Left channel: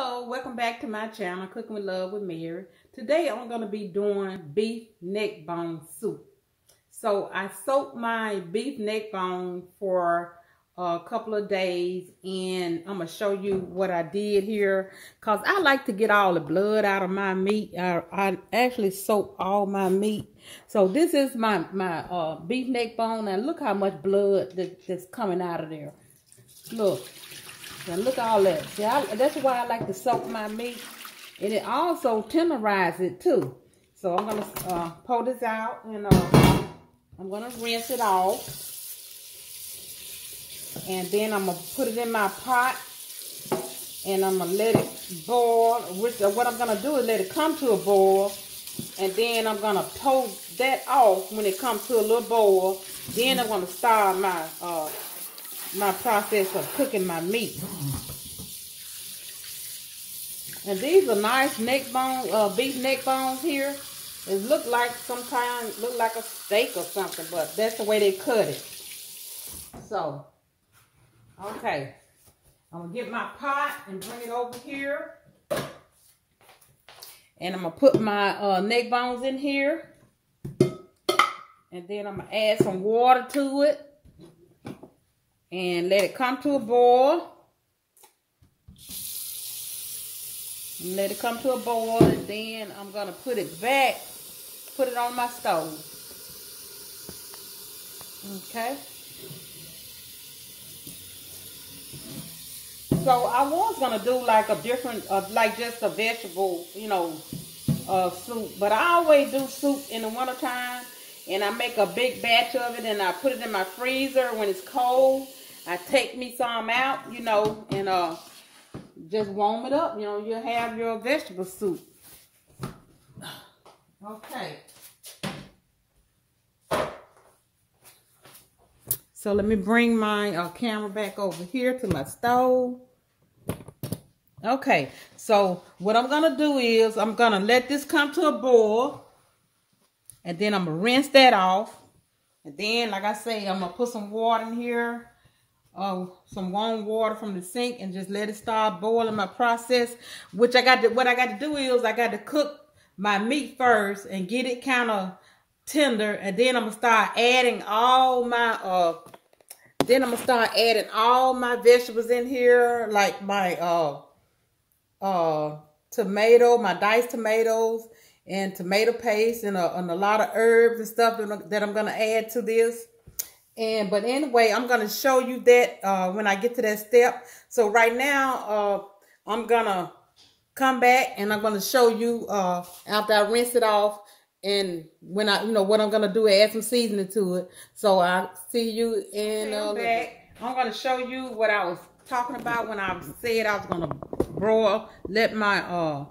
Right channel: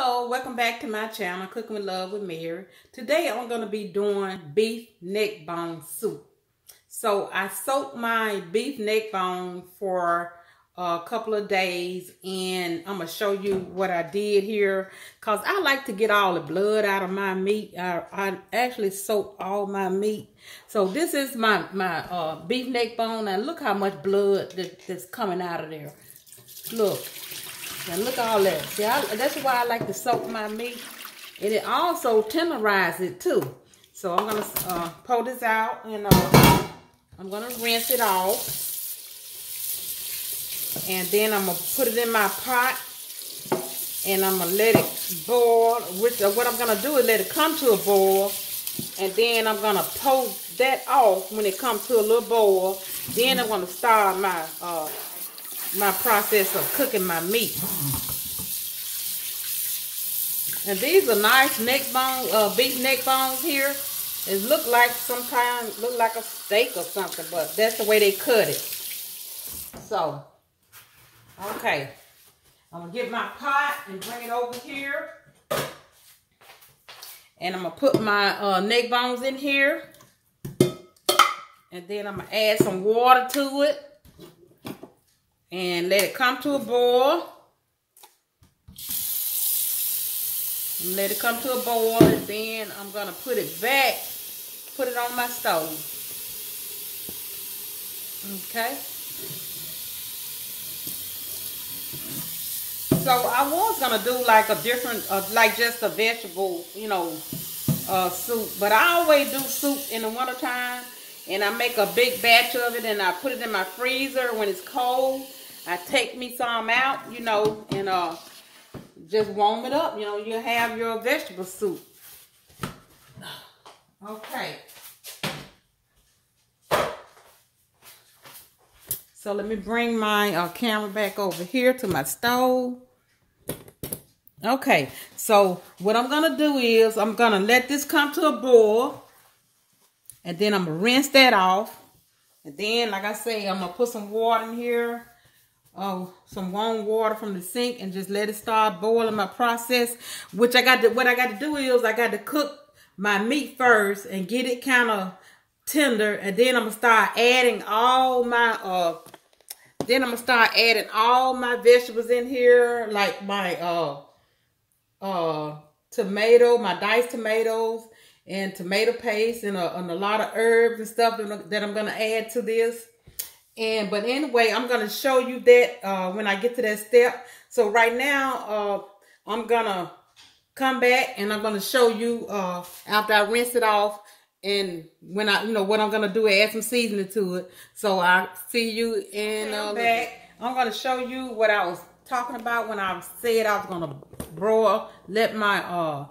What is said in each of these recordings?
Hello, welcome back to my channel, Cooking with Love with Mary. Today I'm going to be doing beef neck bone soup. So I soaked my beef neck bone for a couple of days, and I'm going to show you what I did here because I like to get all the blood out of my meat. I actually soak all my meat. So this is my beef neck bone. Now look how much blood that's coming out of there. Look. And look at all that. See, that's why I like to soak my meat. And it also tenderizes it too. So I'm going to pour this out, and I'm going to rinse it off. And then I'm going to put it in my pot. And I'm going to let it boil. What I'm going to do is let it come to a boil. And then I'm going to pour that off when it comes to a little boil. Then I'm going to start my process of cooking my meat. And these are nice beef neck bones here. It look like look like a steak or something, but that's the way they cut it. So, okay. I'm gonna get my pot and bring it over here. And I'm gonna put my neck bones in here. And then I'm gonna add some water to it. And let it come to a boil. And let it come to a boil, and then I'm gonna put it on my stove. Okay. So I was gonna do like a different, like just a vegetable, soup. But I always do soup in the wintertime, and I make a big batch of it, and I put it in my freezer when it's cold. I take me some out, and just warm it up. You have your vegetable soup. Okay. So let me bring my camera back over here to my stove. Okay. So what I'm going to do is I'm going to let this come to a boil. And then I'm going to rinse that off. And then, like I say, I'm going to put some water in here. Some warm water from the sink, and just let it start boiling my process. What I got to do is I got to cook my meat first and get it kind of tender, and then I'm gonna start adding all my vegetables in here, like my my diced tomatoes and tomato paste, and a lot of herbs and stuff that I'm gonna add to this. But anyway, I'm going to show you that when I get to that step. So right now, I'm going to come back and I'm going to show you after I rinse it off, and when what I'm going to do is add some seasoning to it. So I'll see you in back. I'm going to show you what I was talking about when I said I was going to let my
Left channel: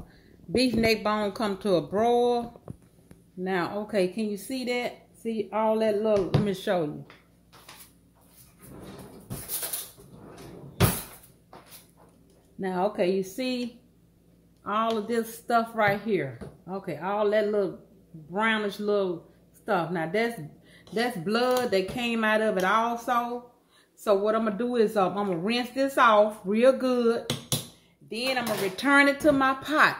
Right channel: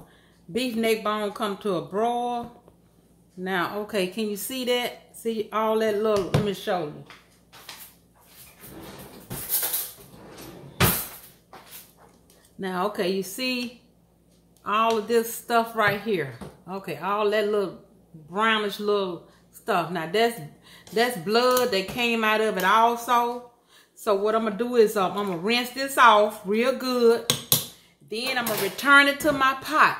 beef neck bone come to a broil. Now, okay, can you see that? See all that let me show you. Now, okay, you see all of this stuff right here. Okay, all that little brownish little stuff. Now, that's blood that came out of it also. So what I'm going to do is I'm going to rinse this off real good. Then I'm going to return it to my pot.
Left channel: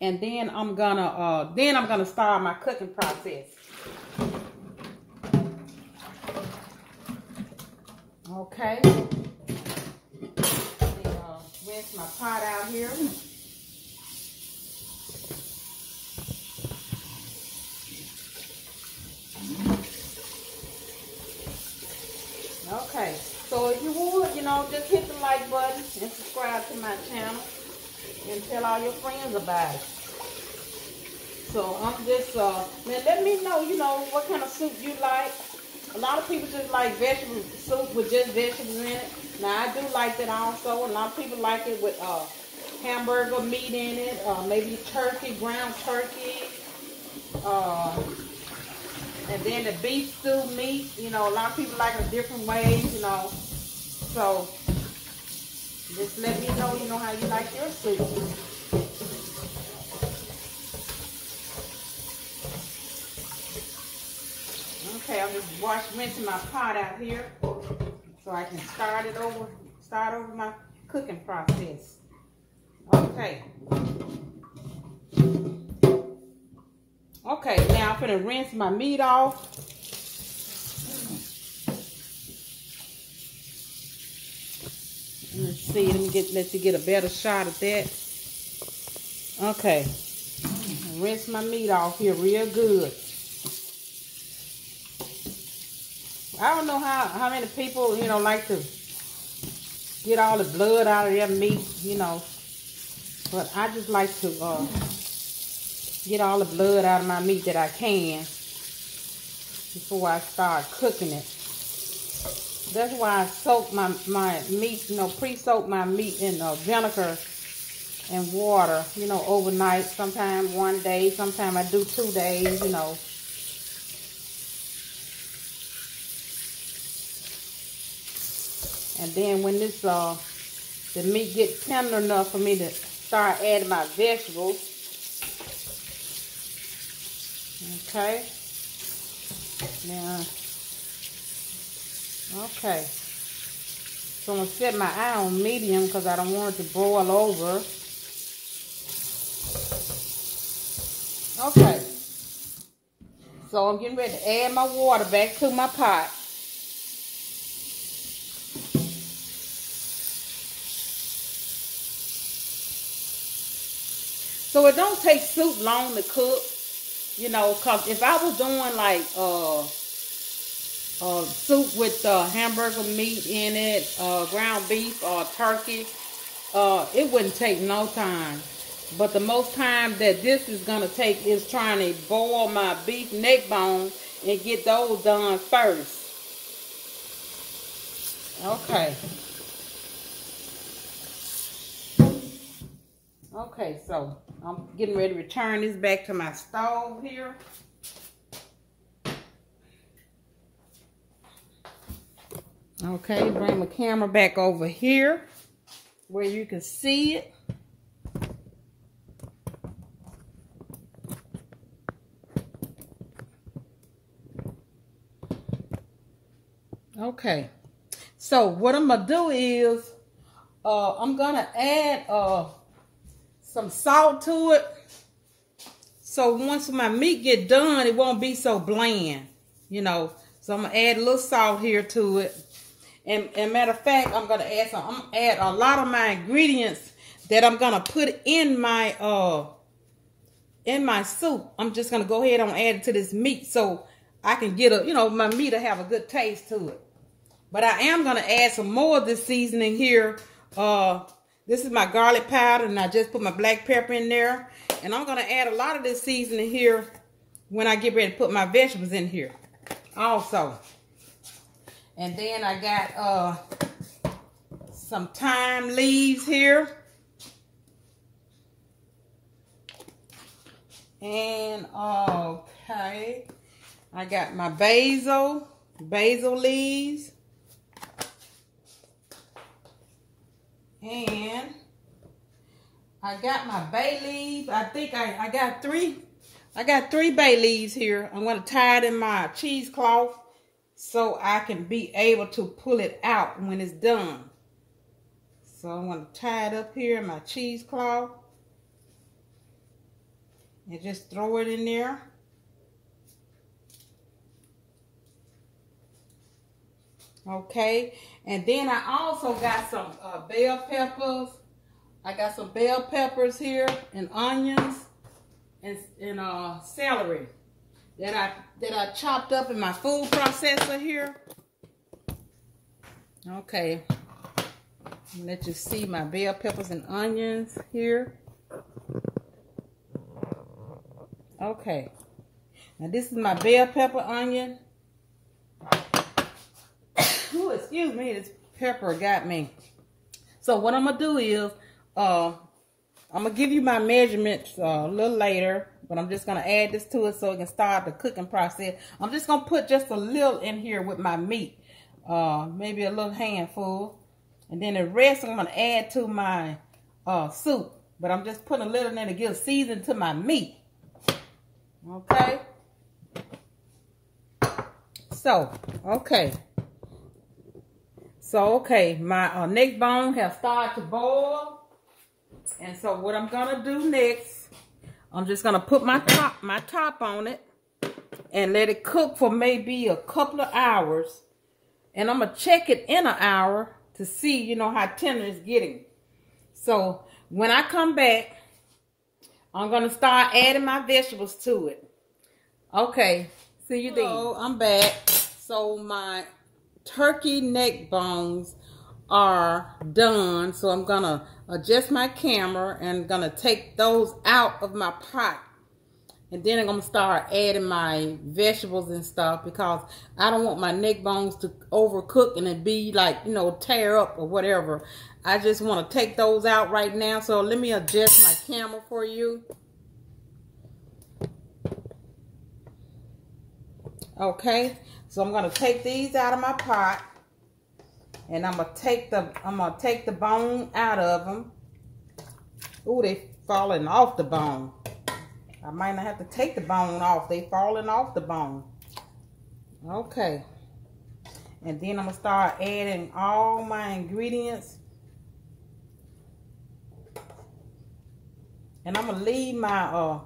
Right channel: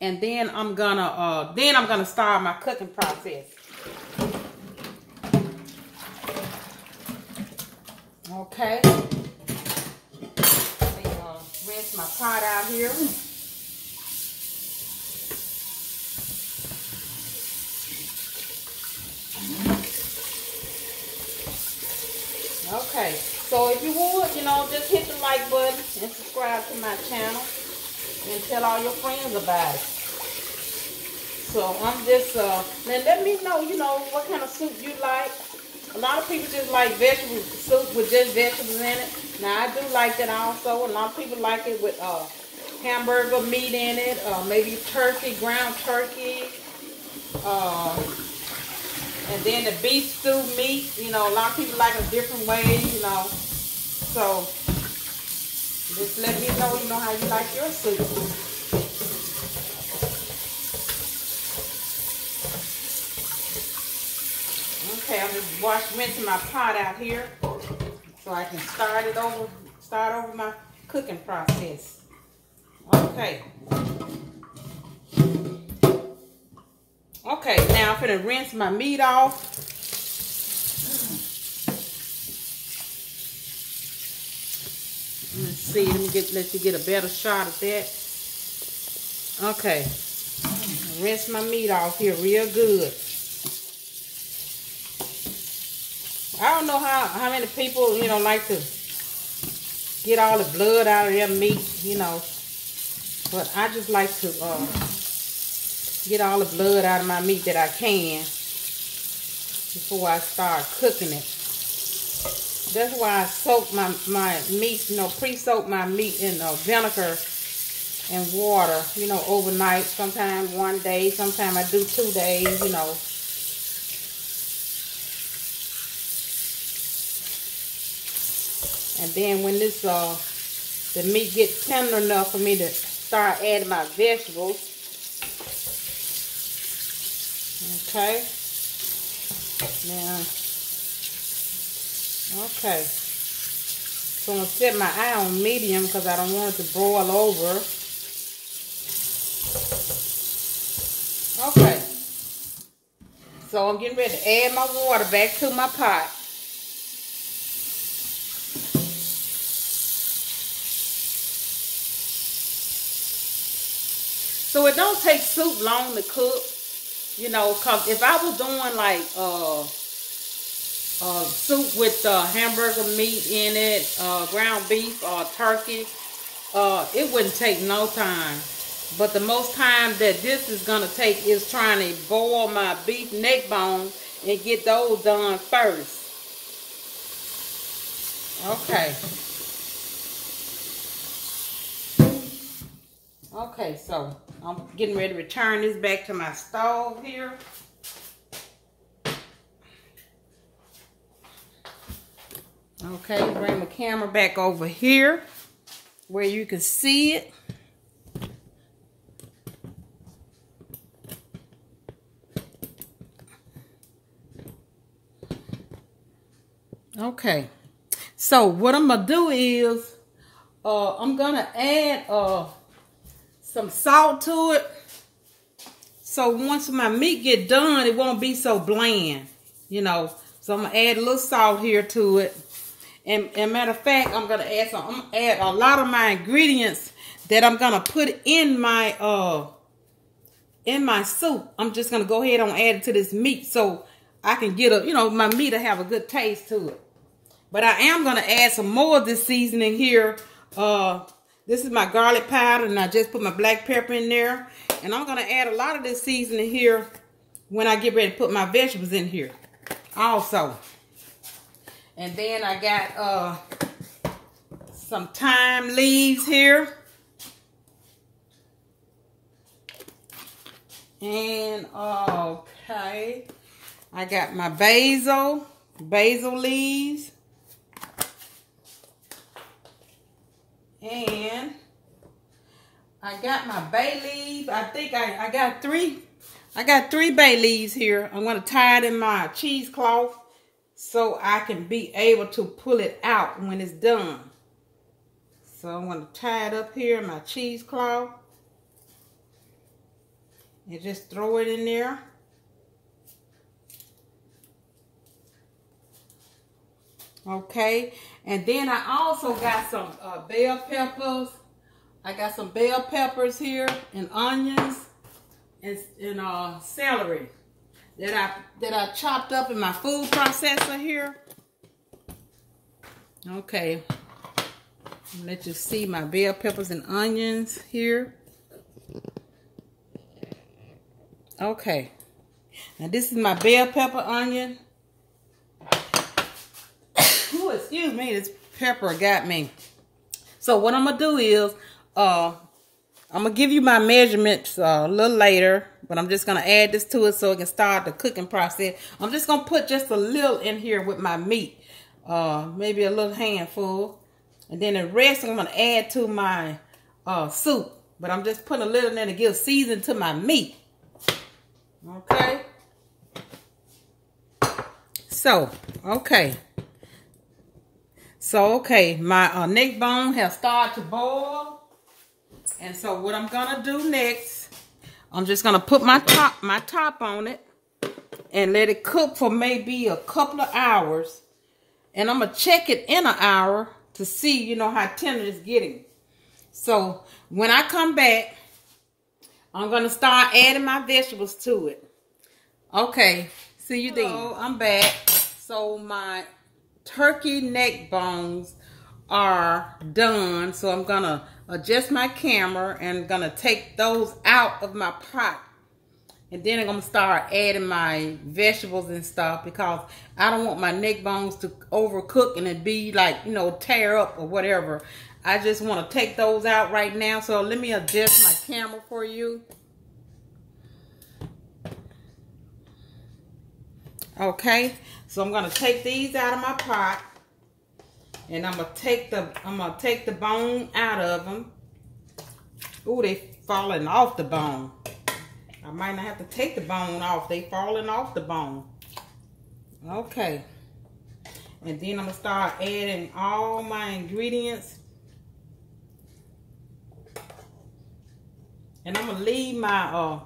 And then I'm going to start my cooking process. Okay. Rinse my pot out here. Okay, so if you would, just hit the like button and subscribe to my channel and tell all your friends about it. So I'm just, now let me know, what kind of soup you like. A lot of people just like vegetable soup with just vegetables in it. Now, I do like that also. A lot of people like it with hamburger meat in it, maybe turkey, ground turkey, and then the beef stew meat. A lot of people like it a different way, So, just let me know, how you like your soup. Okay, I'm just rinsing my pot out here so I can start over my cooking process. Okay. Okay, now I'm gonna rinse my meat off. Let's see, let you get a better shot at that. Okay. Rinse my meat off here real good. I don't know how many people, you know, like to get all the blood out of their meat, you know. But I just like to get all the blood out of my meat that I can before I start cooking it. That's why I soak my meat, you know, pre-soak my meat in vinegar and water, you know, overnight. Sometimes 1 day, sometimes I do 2 days, you know. And then when this the meat gets tender enough for me to start adding my vegetables. Okay. Now, okay. So I'm gonna set my eye on medium because I don't want it to boil over. Okay. So I'm getting ready to add my water back to my pot. So it don't take soup long to cook, you know, cause if I was doing like soup with hamburger meat in it, ground beef or turkey, it wouldn't take no time. But the most time that this is gonna take is trying to boil my beef neck bone and get those done first. Okay. Okay, so I'm getting ready to return this back to my stove here. Okay, bring the camera back over here where you can see it. Okay, so what I'm gonna do is I'm gonna add some salt to it, so once my meat get done, it won't be so bland, you know. So I'm gonna add a little salt here to it, and matter of fact, I'm gonna add a lot of my ingredients that I'm gonna put in my soup. I'm just gonna go ahead and add it to this meat so I can get a, you know, my meat will have a good taste to it. But I am gonna add some more of this seasoning here. This is my garlic powder, and I just put my black pepper in there. And I'm gonna add a lot of this seasoning here when I get ready to put my vegetables in here also. And then I got some thyme leaves here. And okay, I got my basil leaves. And I got my bay leaves. I think I got three bay leaves here. I'm going to tie it in my cheesecloth so I can be able to pull it out when it's done. So I'm going to tie it up here in my cheesecloth and just throw it in there. Okay, and then I also got some bell peppers. I got some bell peppers here, and onions, and celery that I chopped up in my food processor here. Okay, let you see my bell peppers and onions here. Okay, now this is my bell pepper onion. Ooh, excuse me, this pepper got me. So what I'm gonna do is I'm gonna give you my measurements a little later, but I'm just gonna add this to it so it can start the cooking process. I'm just gonna put just a little in here with my meat, maybe a little handful, and then the rest I'm gonna add to my soup. But I'm just putting a little in there to give season to my meat. Okay. So okay. So, okay, my neck bone has started to boil. And so what I'm gonna do next, I'm just gonna put my top on it and let it cook for maybe a couple of hours. And I'm gonna check it in an hour to see, you know, how tender it's getting. So when I come back, I'm gonna start adding my vegetables to it. Okay, see you then. Hello, I'm back. So my turkey neck bones are done. So I'm gonna adjust my camera and gonna take those out of my pot. And then I'm gonna start adding my vegetables and stuff because I don't want my neck bones to overcook and it be like, you know, tear up or whatever. I just want to take those out right now. So let me adjust my camera for you. Okay, so I'm gonna take these out of my pot, and I'm gonna take the bone out of them. Ooh, they falling off the bone. I might not have to take the bone off. They falling off the bone. Okay, and then I'm gonna start adding all my ingredients, and I'm gonna leave my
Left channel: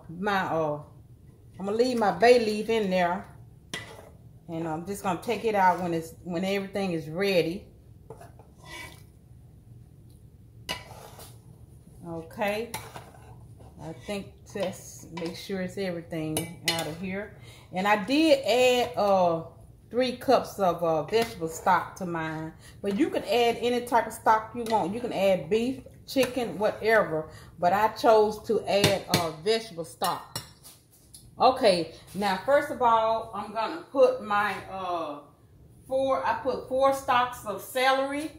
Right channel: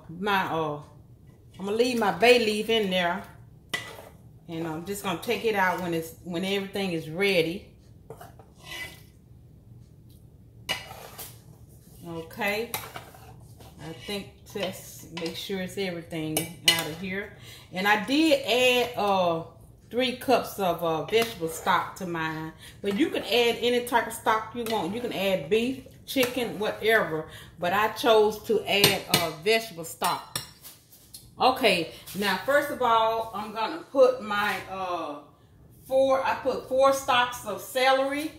bay leaf in there. And I'm just gonna take it out when everything is ready. Okay. I think just make sure it's everything out of here. And I did add 3 cups of vegetable stock to mine. But you can add any type of stock you want. You can add beef, chicken, whatever. But I chose to add vegetable stock. Okay, now first of all, I'm gonna put my I put 4 stalks of celery,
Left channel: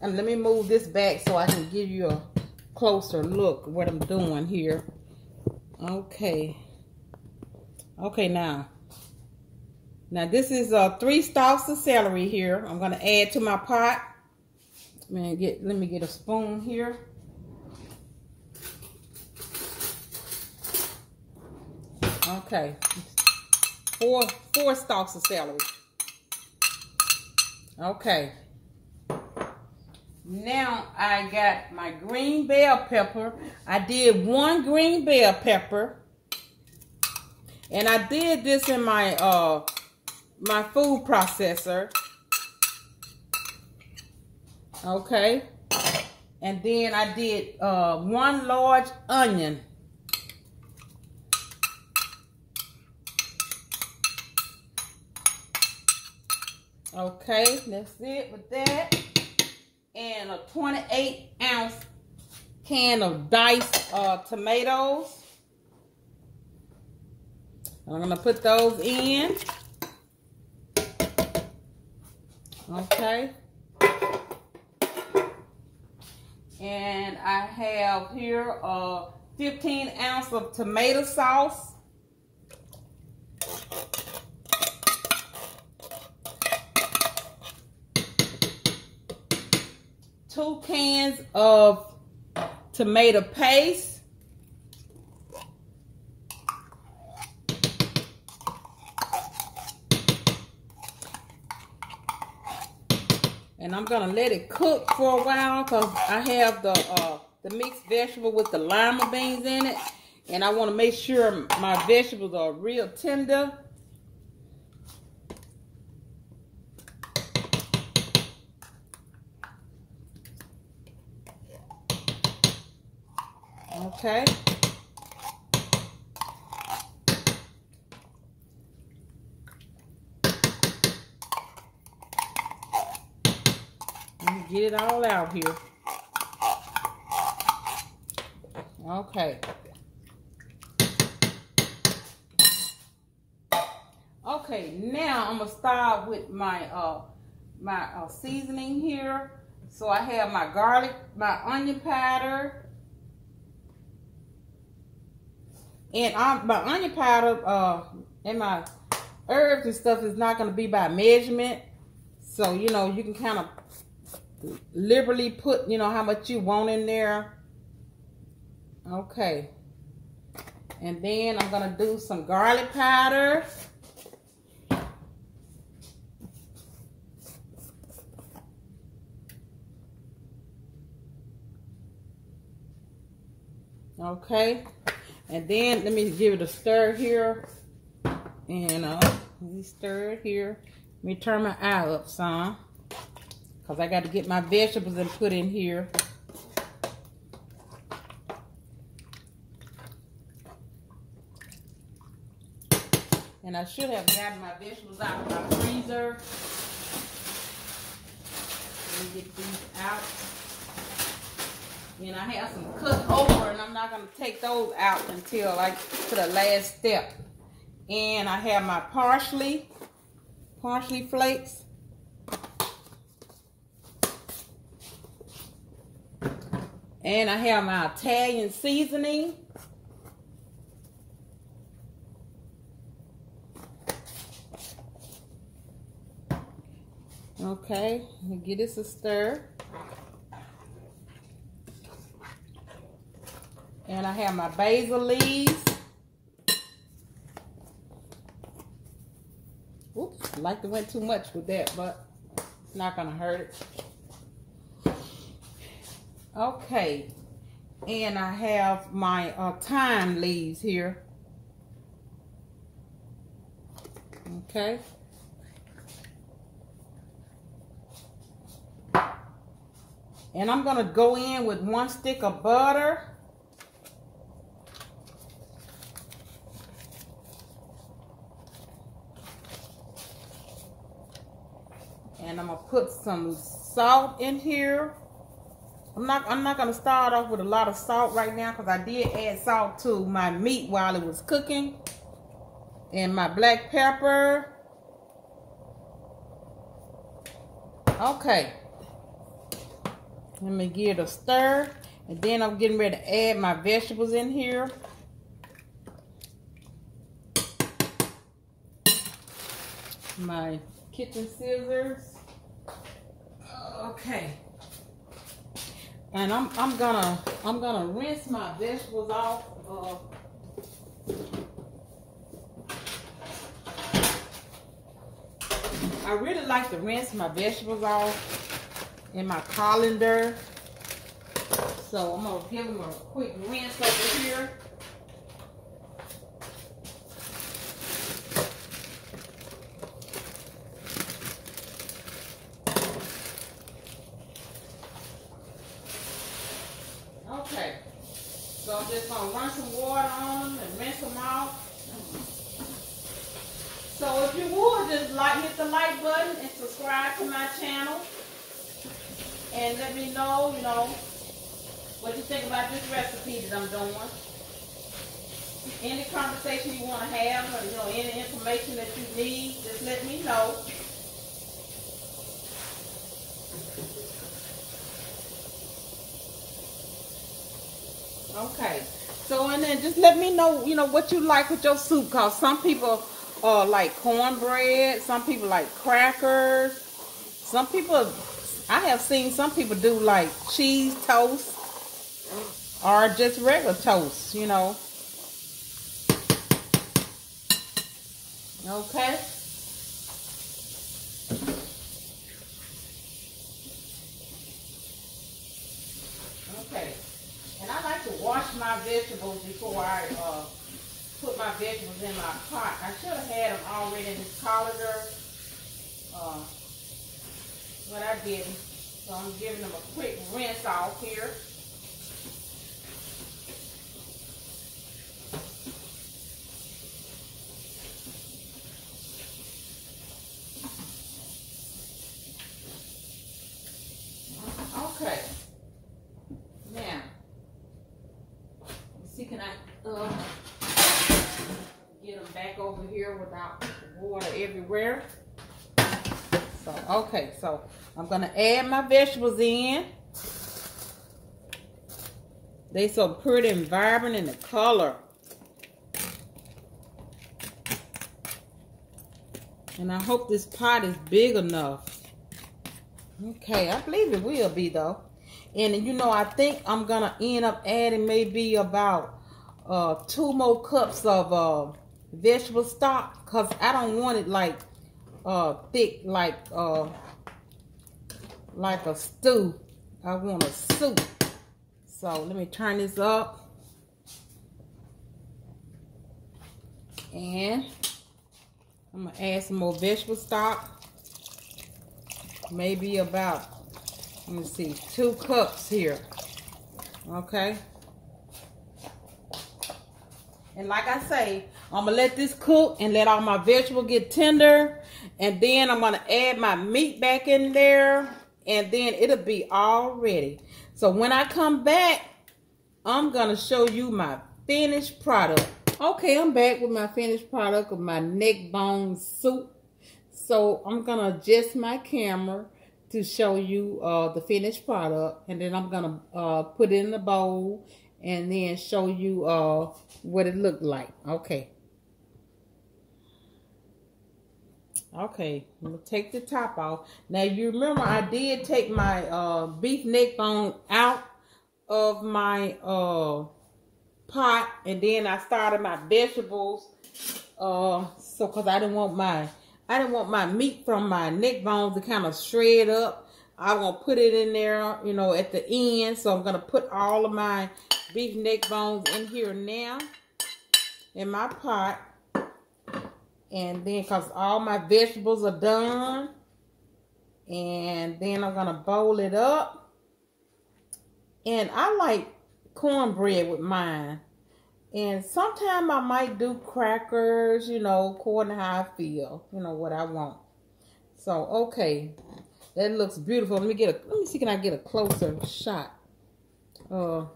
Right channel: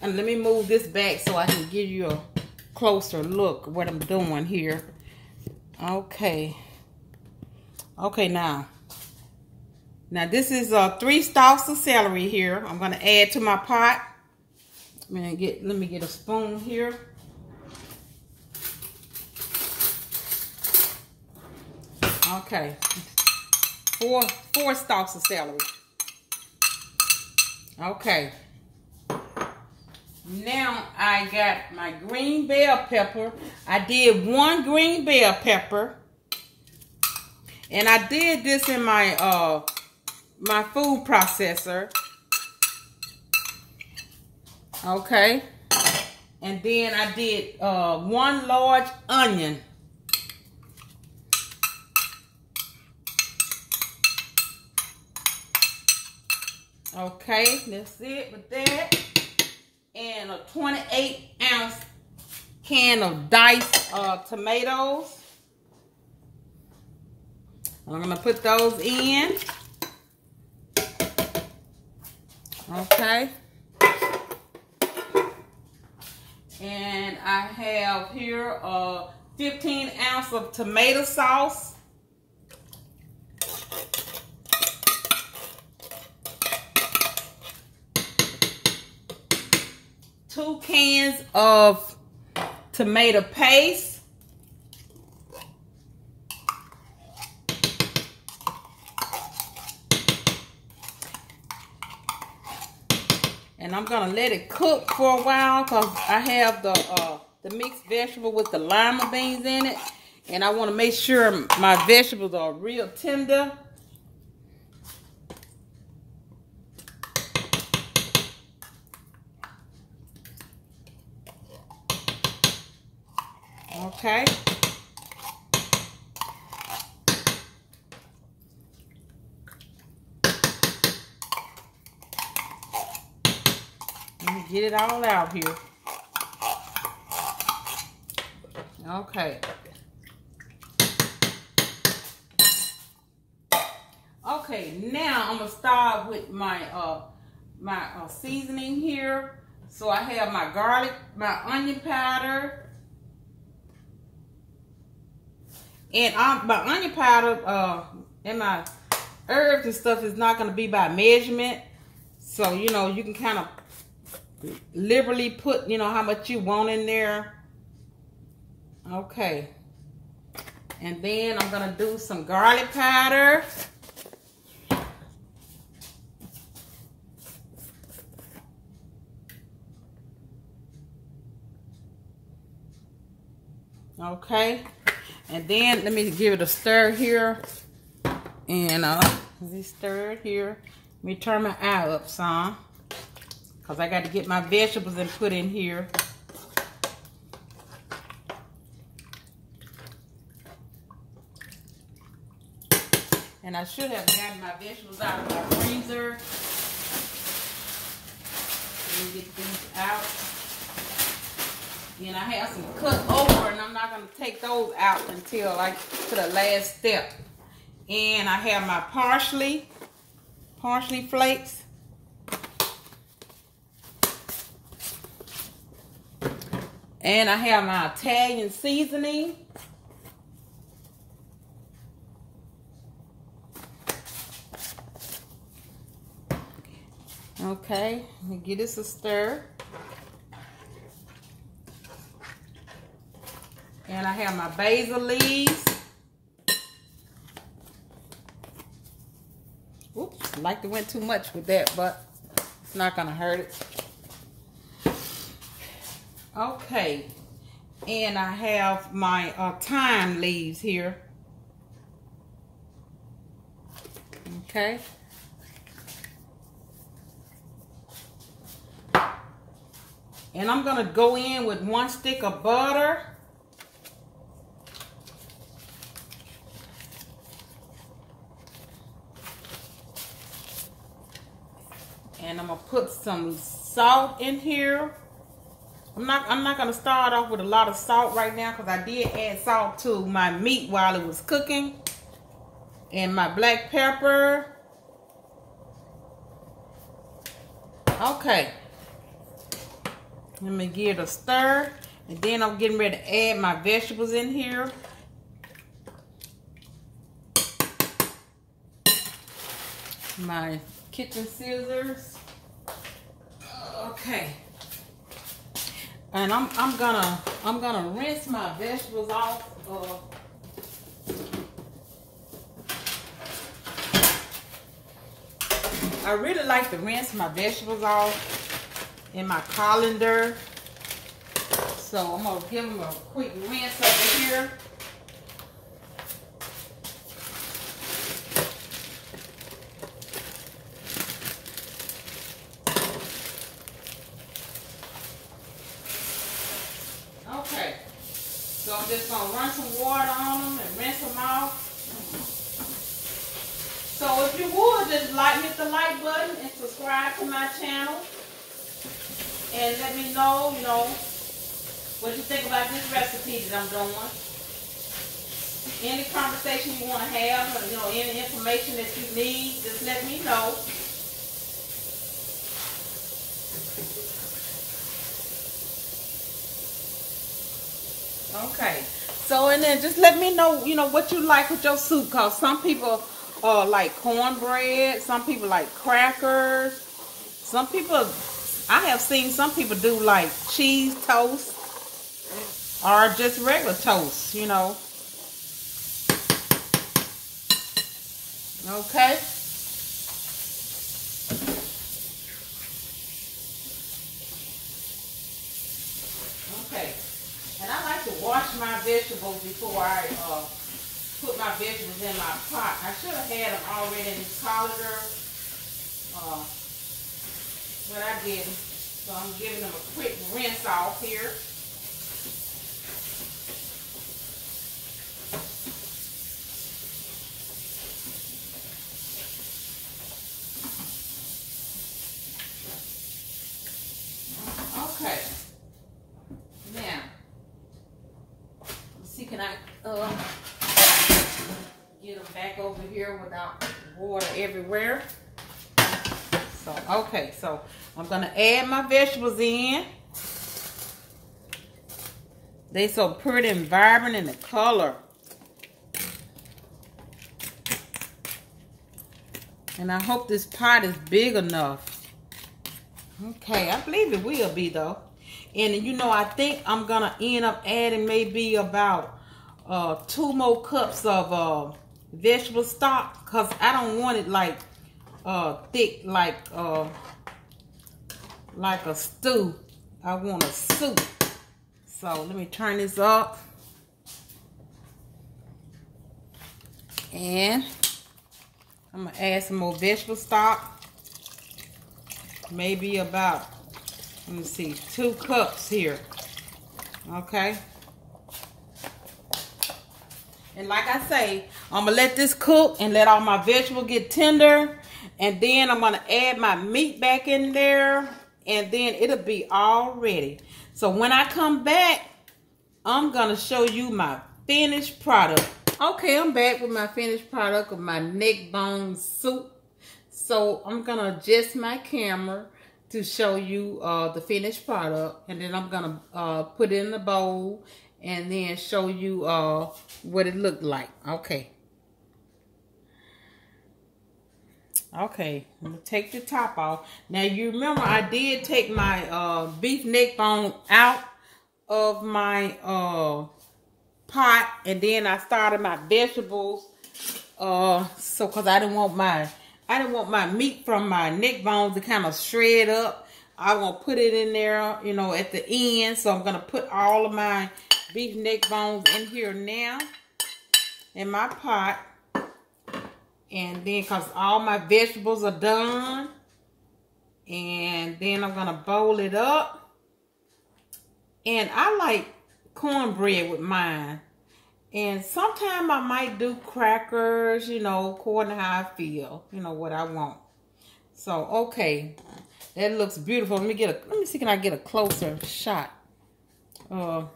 and let me move this back so I can give you a closer look at what I'm doing here. Okay, now this is 3 stalks of celery here. I'm gonna add to my pot. Let me get a spoon here. Okay, 4 stalks of celery. Okay. Now I got my green bell pepper. I did 1 green bell pepper, and I did this in my my food processor. Okay, and then I did 1 large onion. Okay, that's it with that. And a 28-ounce can of diced tomatoes. I'm gonna put those in. Okay. And I have here 15 ounces of tomato sauce. 2 cans of tomato paste. And I'm gonna let it cook for a while because I have the mixed vegetable with the lima beans in it, and I want to make sure my vegetables are real tender. Okay. Let me get it all out here. Okay. Okay, now I'm gonna start with my seasoning here. So I have my garlic, my onion powder. And my onion powder and my herbs and stuff is not going to be by measurement. So, you know, you can kind of liberally put, you know, how much you want in there. Okay. And then I'm going to do some garlic powder. Okay, and then let me give it a stir here, and this stir here. Let me turn my eye up some, cause I got to get my vegetables and put in here. And I should have gotten my vegetables out of my freezer. Let me get these out. And I have some cooked okra, and I'm not going to take those out until like to the last step. And I have my parsley flakes. And I have my Italian seasoning. Okay, let me give this a stir. And I have my basil leaves. Oops, like to went too much with that, but it's not gonna hurt it. Okay, and I have my thyme leaves here. Okay. And I'm gonna go in with 1 stick of butter. And I'm gonna put some salt in here. I'm not gonna start off with a lot of salt right now, because I did add salt to my meat while it was cooking. And my black pepper. Okay. Let me give it a stir, and then I'm getting ready to add my vegetables in here. My kitchen scissors. Okay. And I'm gonna rinse my vegetables off. I really like to rinse my vegetables off in my colander. So I'm gonna give them a quick rinse over here. Okay, so I'm just gonna run some water on them and rinse them out. So if you would, just hit the like button and subscribe to my channel. And let me know, what you think about this recipe that I'm doing. Any conversation you want to have, or, any information that you need, just let me know. Okay. So, and then just let me know, what you like with your soup. Because some people like cornbread. Some people like crackers. Some people... I have seen some people do like cheese toast or just regular toast, Okay. Okay. And I like to wash my vegetables before I put my vegetables in my pot. I should have had them already in this colander. But I didn't. So I'm giving them a quick rinse off here. Okay. Now, let's see, can I get them back over here without water everywhere? So, okay, so I'm gonna add my vegetables in. They so pretty and vibrant in the color. And I hope this pot is big enough. Okay, I believe it will be though. And I think I'm gonna end up adding maybe about 2 more cups of vegetable stock, because I don't want it like thick like a stew. I want a soup. So let me turn this up. And I'm gonna add some more vegetable stock. Maybe about, let me see, 2 cups here. Okay. And like I say, I'm gonna let this cook and let all my vegetables get tender. And then I'm gonna add my meat back in there. And then it'll be all ready. So when I come back, I'm gonna show you my finished product. Okay, I'm back with my finished product of my neckbone soup. So I'm gonna adjust my camera to show you the finished product, and then I'm gonna put it in the bowl and then show you what it looked like. Okay. Okay, I'm gonna take the top off. Now you remember I did take my beef neck bone out of my pot, and then I started my vegetables. So cause I didn't want my meat from my neck bones to kind of shred up. I want to put it in there, you know, at the end. So I'm gonna put all of my beef neck bones in here now in my pot. And then because all my vegetables are done, and then I'm gonna bowl it up. And I like cornbread with mine, and sometimes I might do crackers, you know, according to how I feel, you know, what I want. So okay, that looks beautiful. Let me see, can I get a closer shot to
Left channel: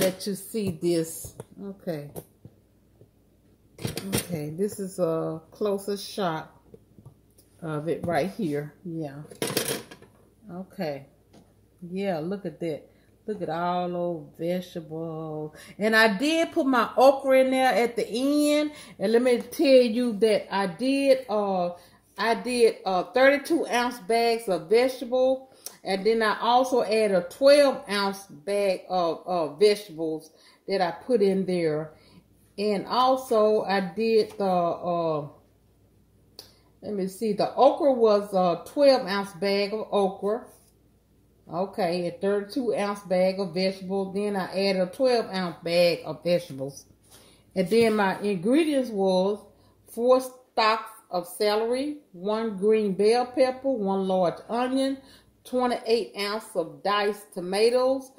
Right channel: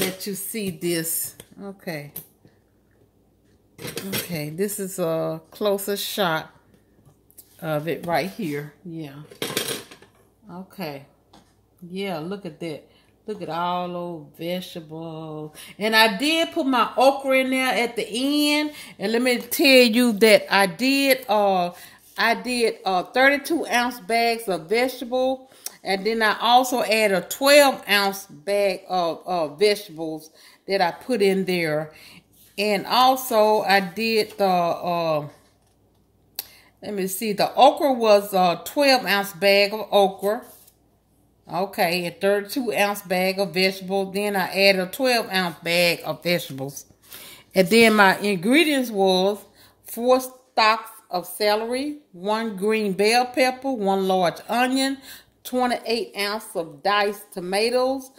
let you see this? Okay. Okay, this is a closer shot of it right here. Yeah. Okay. Yeah, look at that. Look at all those vegetables. And I did put my okra in there at the end. And let me tell you that I did 32-ounce bags of vegetable. And then I also added a 12-ounce bag of vegetables that I put in there. And also I did the, let me see, the okra was a 12-ounce bag of okra. Okay, a 32-ounce bag of vegetables. Then I added a 12-ounce bag of vegetables. And then my ingredients was 4 stalks of celery, 1 green bell pepper, 1 large onion, 28 ounces of diced tomatoes,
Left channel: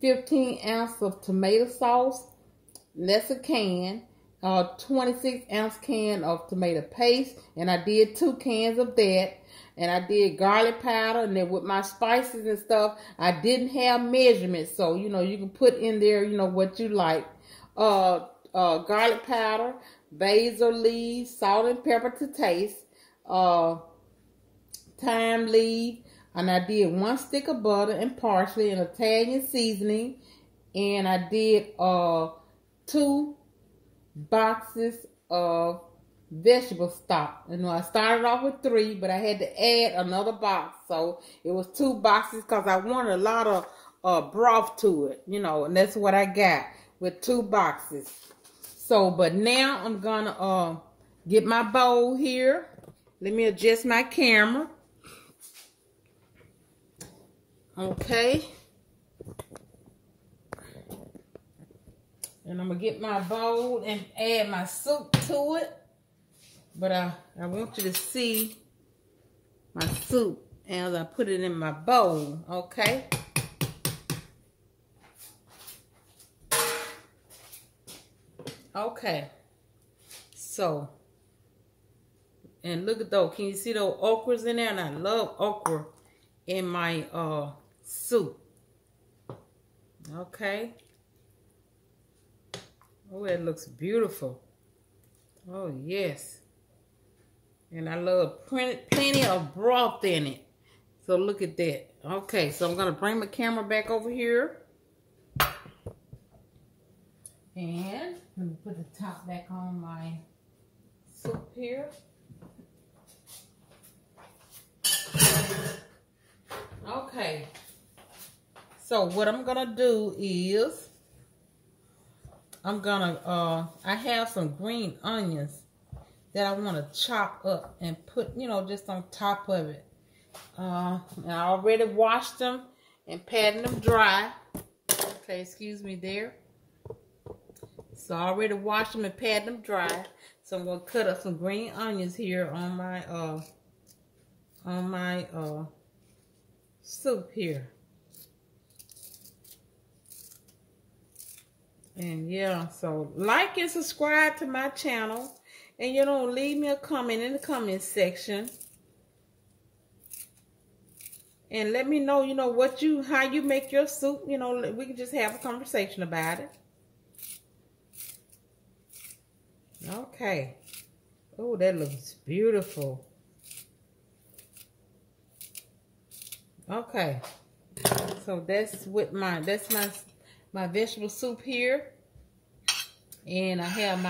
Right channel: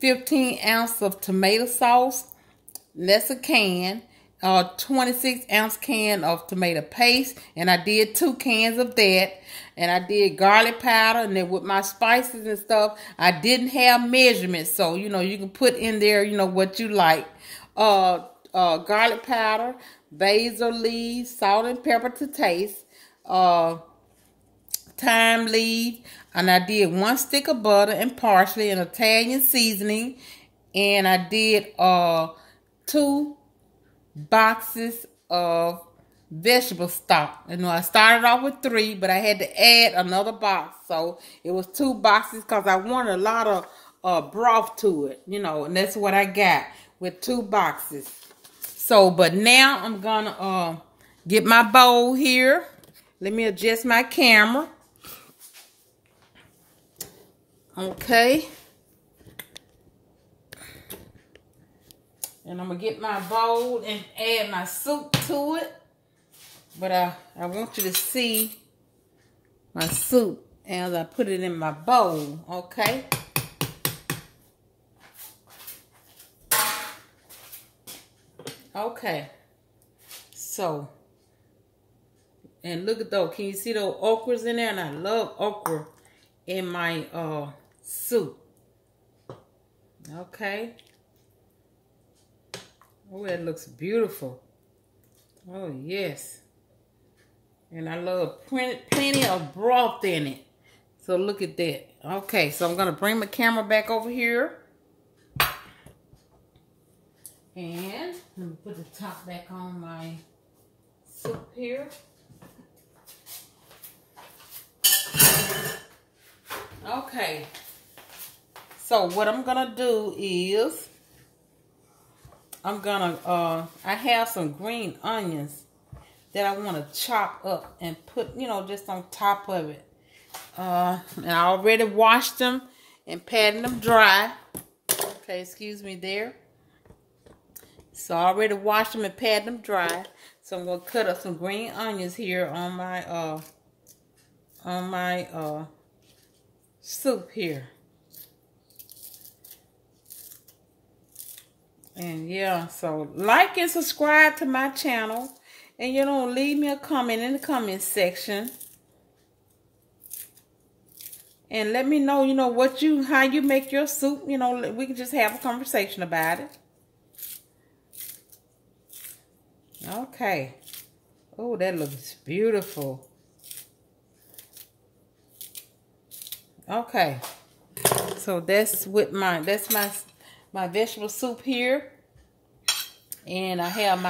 15 ounces of tomato sauce. That's a can. 26-ounce can of tomato paste, and I did 2 cans of that. And I did garlic powder, and then with my spices and stuff, I didn't have measurements, so you know you can put in there, you know, what you like. Garlic powder, basil leaves, salt and pepper to taste, thyme leaf, and I did 1 stick of butter and parsley and Italian seasoning, and I did 2 boxes of vegetable stock. You know, I started off with 3, but I had to add another box, so it was 2 boxes because I wanted a lot of broth to it, you know, and that's what I got with 2 boxes. So, but now I'm gonna get my bowl here. Let me adjust my camera. Okay. And I'm going to get my bowl and add my soup to it. But I want you to see my soup as I put it in my bowl, okay? Okay. So, and look at those. Can you see those okras in there? And I love okra in my soup. Okay. Oh, that looks beautiful. Oh, yes. And I love plenty of broth in it. So look at that. Okay, so I'm going to bring my camera back over here. And let me put the top back on my soup here. Okay. So what I'm going to do is I'm gonna, I have some green onions that I want to chop up and put, you know, just on top of it. And I already washed them and patted them dry. Okay, excuse me there. So I already washed them and pat them dry. So I'm gonna cut up some green onions here on my soup here. And yeah, so like and subscribe to my channel. And you know, leave me a comment in the comment section. And let me know, you know, how you make your soup. You know, we can just have a conversation about it. Okay. Oh, that looks beautiful. Okay. So that's my vegetable soup here. And I have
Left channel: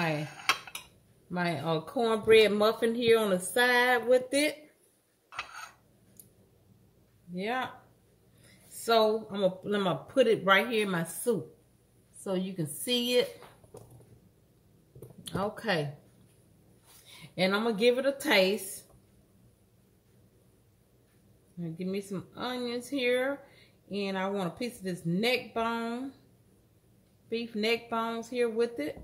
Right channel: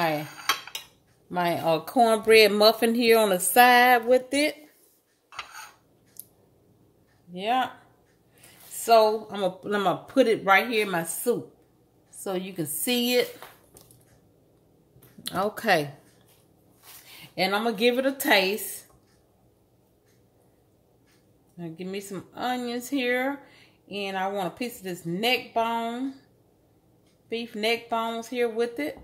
my cornbread muffin here on the side with it. Yeah. So I'm gonna put it right here in my soup so you can see it. Okay. And I'm gonna give it a taste. Now give me some onions here, and I want a piece of this neck bone, beef neck bones here with it.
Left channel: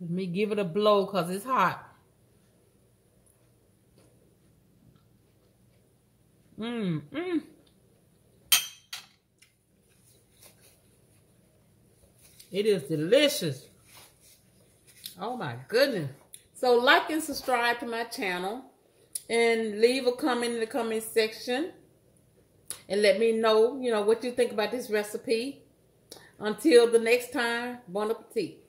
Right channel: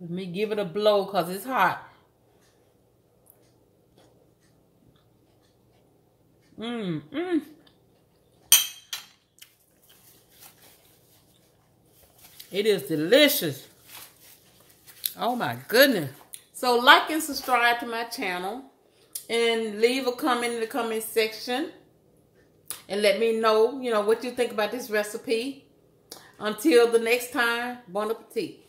Let me give it a blow because it's hot. It is delicious. Oh my goodness. So like and subscribe to my channel. And leave a comment in the comment section. And let me know, you know, what you think about this recipe. Until the next time, bon appetit.